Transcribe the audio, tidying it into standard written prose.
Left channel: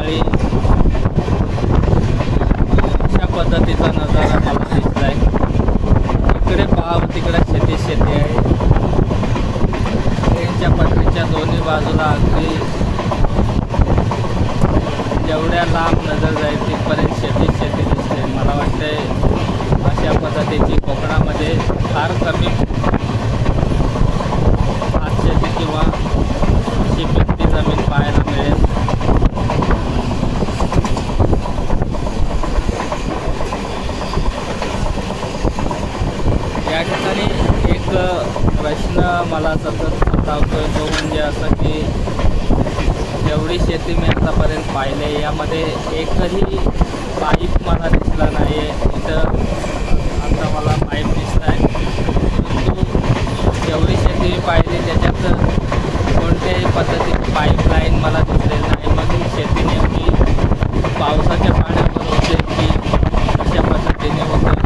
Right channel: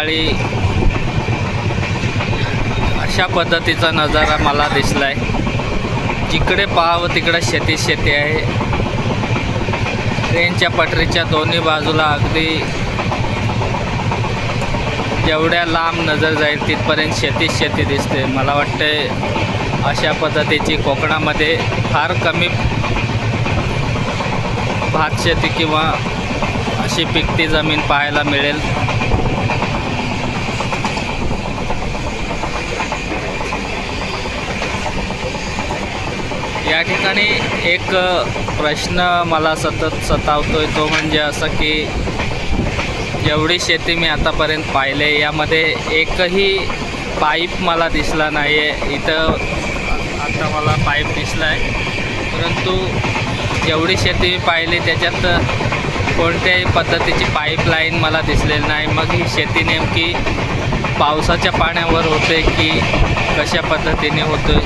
सकाळी अशा पद्धतीचा नजारा मला दिसलाय. जिकडे पाहावं तिकडे शेती आहे. ट्रेनच्या पटरीच्या दोन्ही बाजूला अगदी जेवढ्या लांब नजर जाईल तिथपर्यंत शेती दिसते. मला वाटते अशा पद्धतीची कोकणामध्ये फार कमी भात शेती किंवा अशी पिकती जमीन पाहायला मिळेल. या ठिकाणी एक प्रश्न मला सतत सतावतोय, तो म्हणजे असं की जेवढी शेती मी आतापर्यंत पाहिले यामध्ये एकही पाईप मला दिसला नाही आहे. इथं आता मला पाईप दिसला आहे, परंतु जेवढी शेती मी पाहिली त्याच्यात कोणत्याही पद्धतीची पाईपलाईन मला दिसलेली नाही. मग ही शेती नेमकी पावसाच्या पाण्यावर होते की कशा पद्धतीने होते